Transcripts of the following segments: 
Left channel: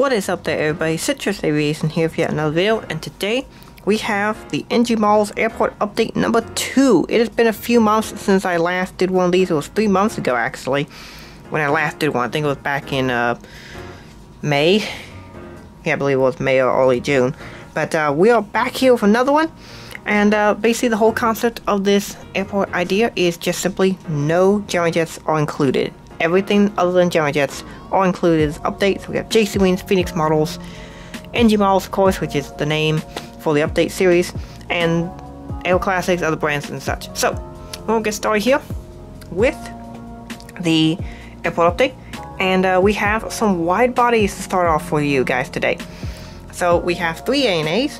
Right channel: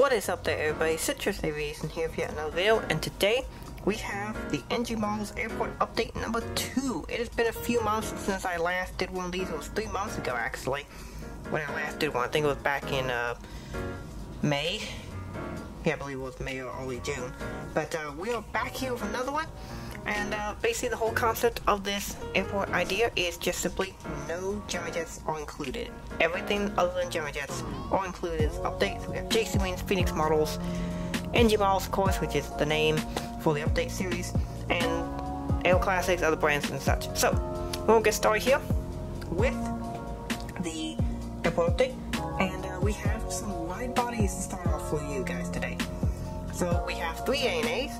What is up there, everybody? Citrus Aviation here for yet another video, and today we have the NG Malls Airport update number 2. It has been a few months since I last did one of these. It was 3 months ago actually when I last did one. I think it was back in May. Yeah, I believe it was May or early June. But we are back here with another one, and basically the whole concept of this airport idea is just simply no Gemini Jets are included. Everything other than Gemini Jets are included as updates. We have JC Wings, Phoenix models, NG Malls, of course, which is the name for the update series, and Aero Classics, other brands and such. So, we'll get started here with the airport update, and we have some wide bodies to start off for you guys today. So, we have 3 ANAs.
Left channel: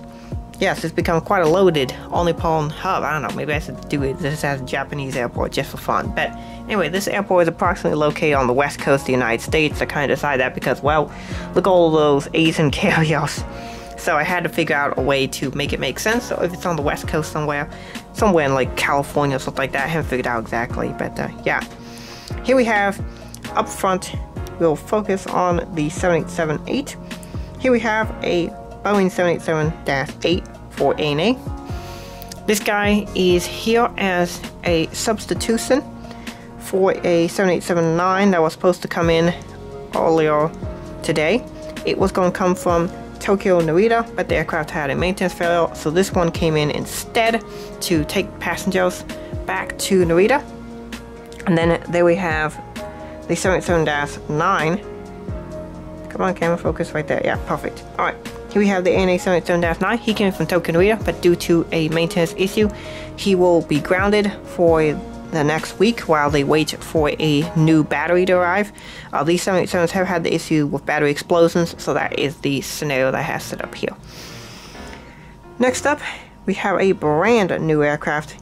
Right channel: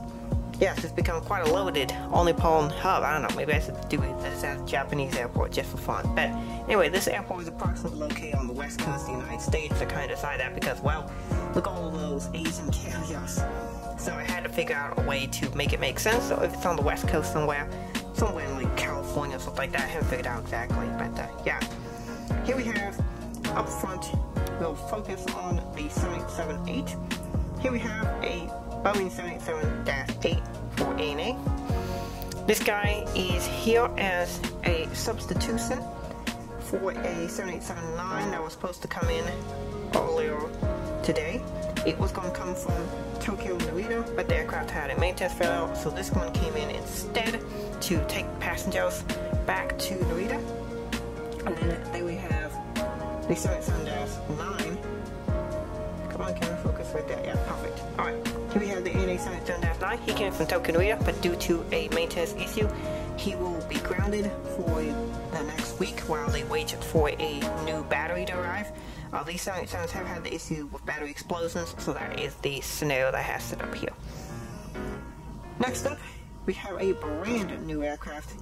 Yes, it's become quite a loaded all-Nippon hub. I don't know, maybe I should do it this as a Japanese airport just for fun. But anyway, this airport is approximately located on the west coast of the United States. I kind of decided that because, well, look at all of those Asian carriers. So I had to figure out a way to make it make sense. So if it's on the west coast somewhere in like California or something like that, I haven't figured out exactly. But yeah, here we have up front, we'll focus on the 787-8. Here we have a Boeing 787-8 for ANA. This guy is here as a substitution for a 787-9 that was supposed to come in earlier today. It was going to come from Tokyo Narita, but the aircraft had a maintenance failure, so this one came in instead to take passengers back to Narita. And then there we have the 787-9. Come on, camera, focus right there. Yeah, perfect. Alright, here we have the ANA 787-9. He came in from Tokyo Narita, but due to a maintenance issue, he will be grounded for the next week while they wait for a new battery to arrive. These 787s have had the issue with battery explosions, so that is the scenario that I have set up here. Next up, we have a brand new aircraft,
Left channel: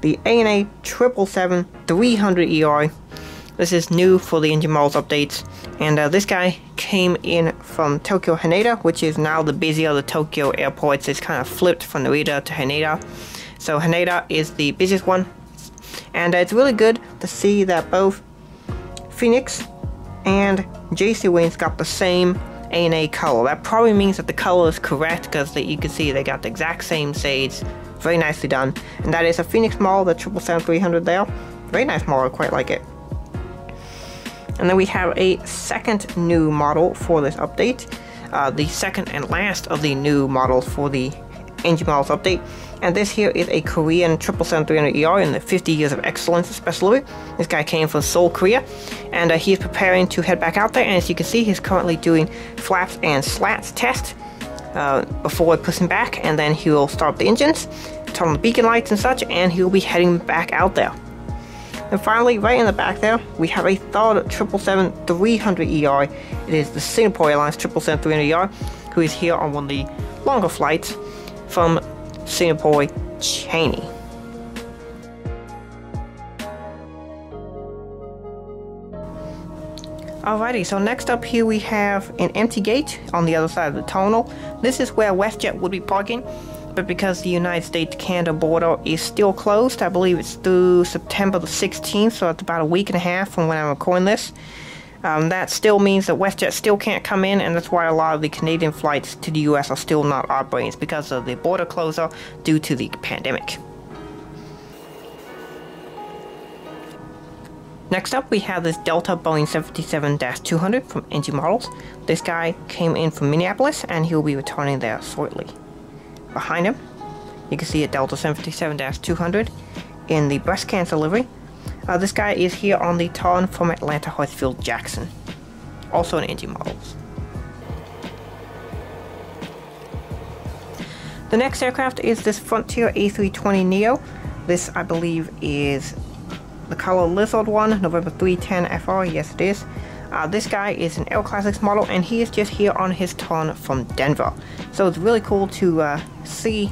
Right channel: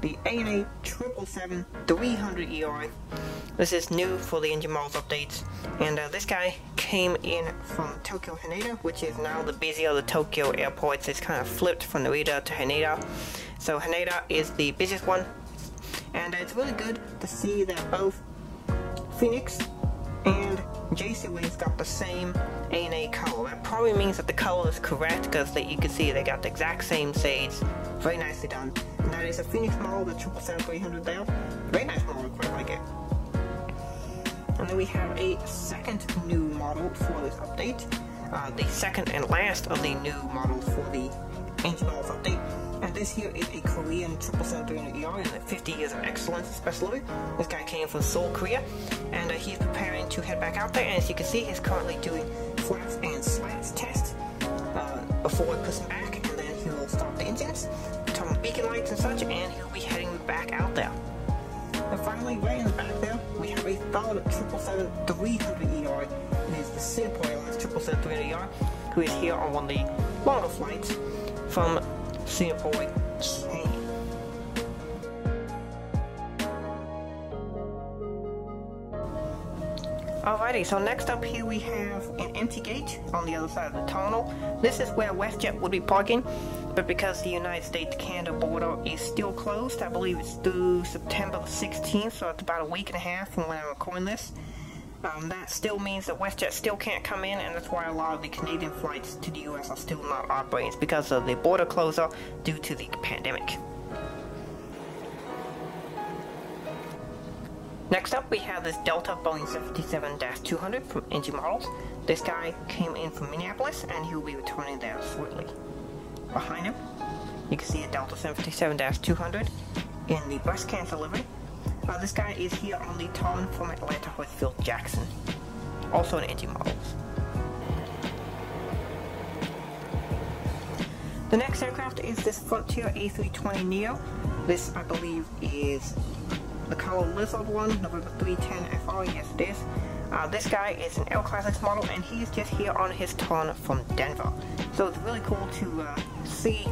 the ANA 777-300ER. This is new for the NG Malls updates, and this guy came in from Tokyo Haneda, which is now the busier of the Tokyo airports. It's kind of flipped from Narita to Haneda. So Haneda is the busiest one, and it's really good to see that both Phoenix and JC Wings got the same ANA color. That probably means that the color is correct, because you can see they got the exact same shades. Very nicely done. And that is a Phoenix model, the 777-300 there. Very nice model, quite like it. And then we have a second new model for this update, the second and last of the new models for the NG Malls update. And this here is a Korean 777-300ER in the 50 Years of Excellence Special. This guy came from Seoul, Korea, and he is preparing to head back out there. And as you can see, he's currently doing flaps and slats test before pushing back, and then he will start the engines, turn on the beacon lights and such, and he'll be heading back out there. And finally, right in the back there, we have a third 777-300ER. It is the Singapore Airlines 777-300ER, who is here on one of the longer flights from Singapore, Changi. Alrighty, so next up here we have an empty gate on the other side of the terminal. This is where WestJet would be parking, but because the United States-Canada border is still closed, I believe it's through September the 16th, so it's about a week and a half from when I'm recording this. That still means that WestJet still can't come in, and that's why a lot of the Canadian flights to the US are still not operating. It's because of the border closure due to the pandemic. Next up, we have this Delta Boeing 757-200 from NG Models. This guy came in from Minneapolis, and he'll be returning there shortly. Behind him, you can see a Delta 757-200 in the breast cancer livery. This guy is here on the turn from Atlanta Hartsfield Jackson, also in NG Models. The next aircraft is this Frontier A320neo. This, I believe, is the color lizard one, November 310 FR. Yes, it is. This guy is an Aero Classics model, and he is just here on his turn from Denver. So it's really cool to see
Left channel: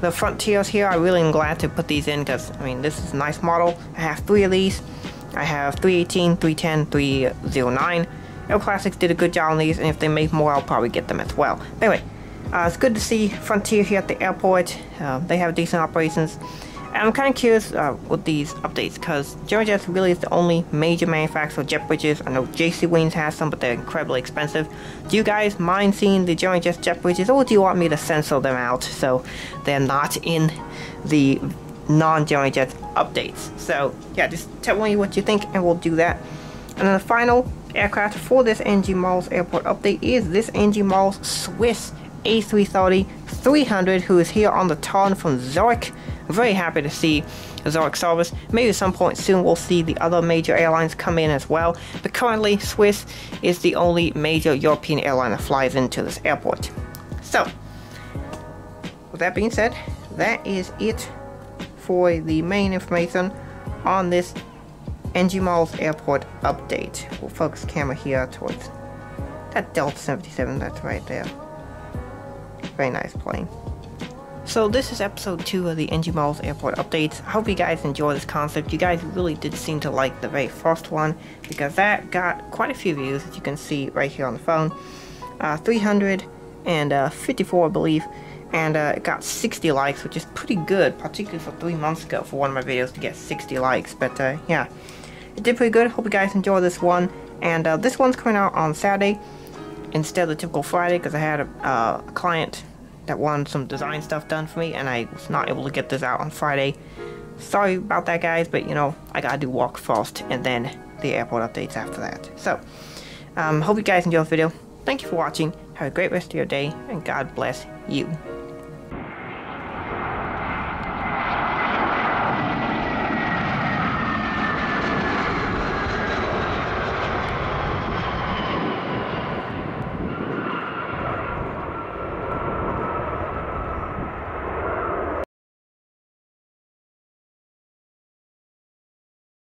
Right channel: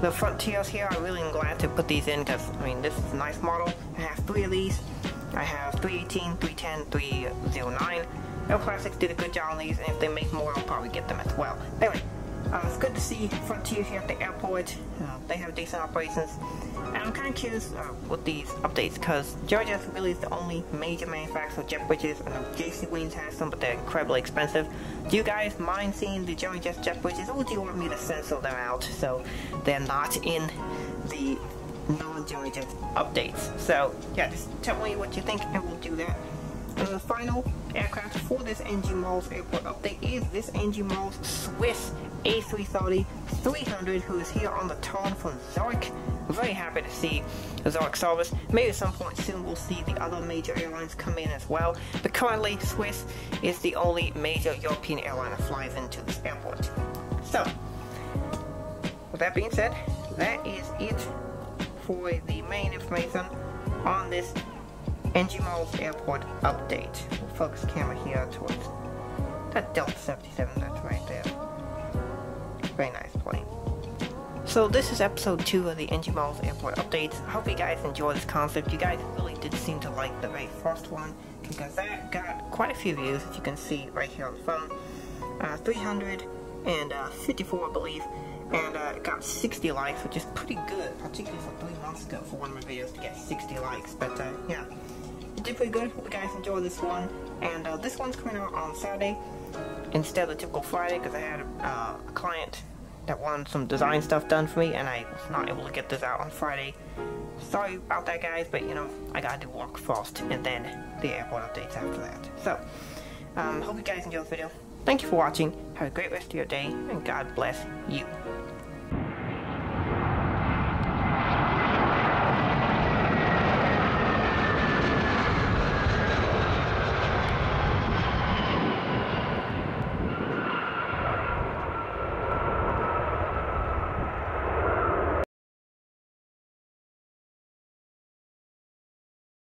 the Frontiers here. I really am glad to put these in, because, I mean, this is a nice model. I have 3 of these. I have 318, 310, 309. Aero Classics did a good job on these, and if they make more, I'll probably get them as well. Anyway, it's good to see Frontier here at the airport. They have decent operations. And I'm kind of curious with these updates, because Gemini Jets really is the only major manufacturer of jet bridges. I know JC Wings has some, but they're incredibly expensive. Do you guys mind seeing the Gemini Jets jet bridges, or do you want me to censor them out so they're not in the non-Gemini Jets updates? So yeah, just tell me what you think and we'll do that. And then the final aircraft for this NG Malls airport update is this NG Malls Swiss A330-300, who is here on the turn from Zurich. I'm very happy to see Zurich service. Maybe at some point soon we'll see the other major airlines come in as well, but currently Swiss is the only major European airline that flies into this airport. So with that being said, that is it for the main information on this NG Malls airport update. We'll focus the camera here towards that Delta 77 that's right there. Very nice plane. So this is episode 2 of the NG Malls airport updates. I hope you guys enjoy this concept. You guys really did seem to like the very first one, because that got quite a few views, as you can see right here on the phone. 354 I believe, and it got 60 likes, which is pretty good, particularly for 3 months ago for one of my videos to get 60 likes. But yeah, it did pretty good. Hope you guys enjoy this one. And this one's coming out on Saturday instead of the typical Friday, because I had a client that wanted some design stuff done for me, and I was not able to get this out on Friday. Sorry about that, guys, but you know, I gotta do work first and then the airport updates after that. So hope you guys enjoyed the video. Thank you for watching. Have a great rest of your day, and God bless you.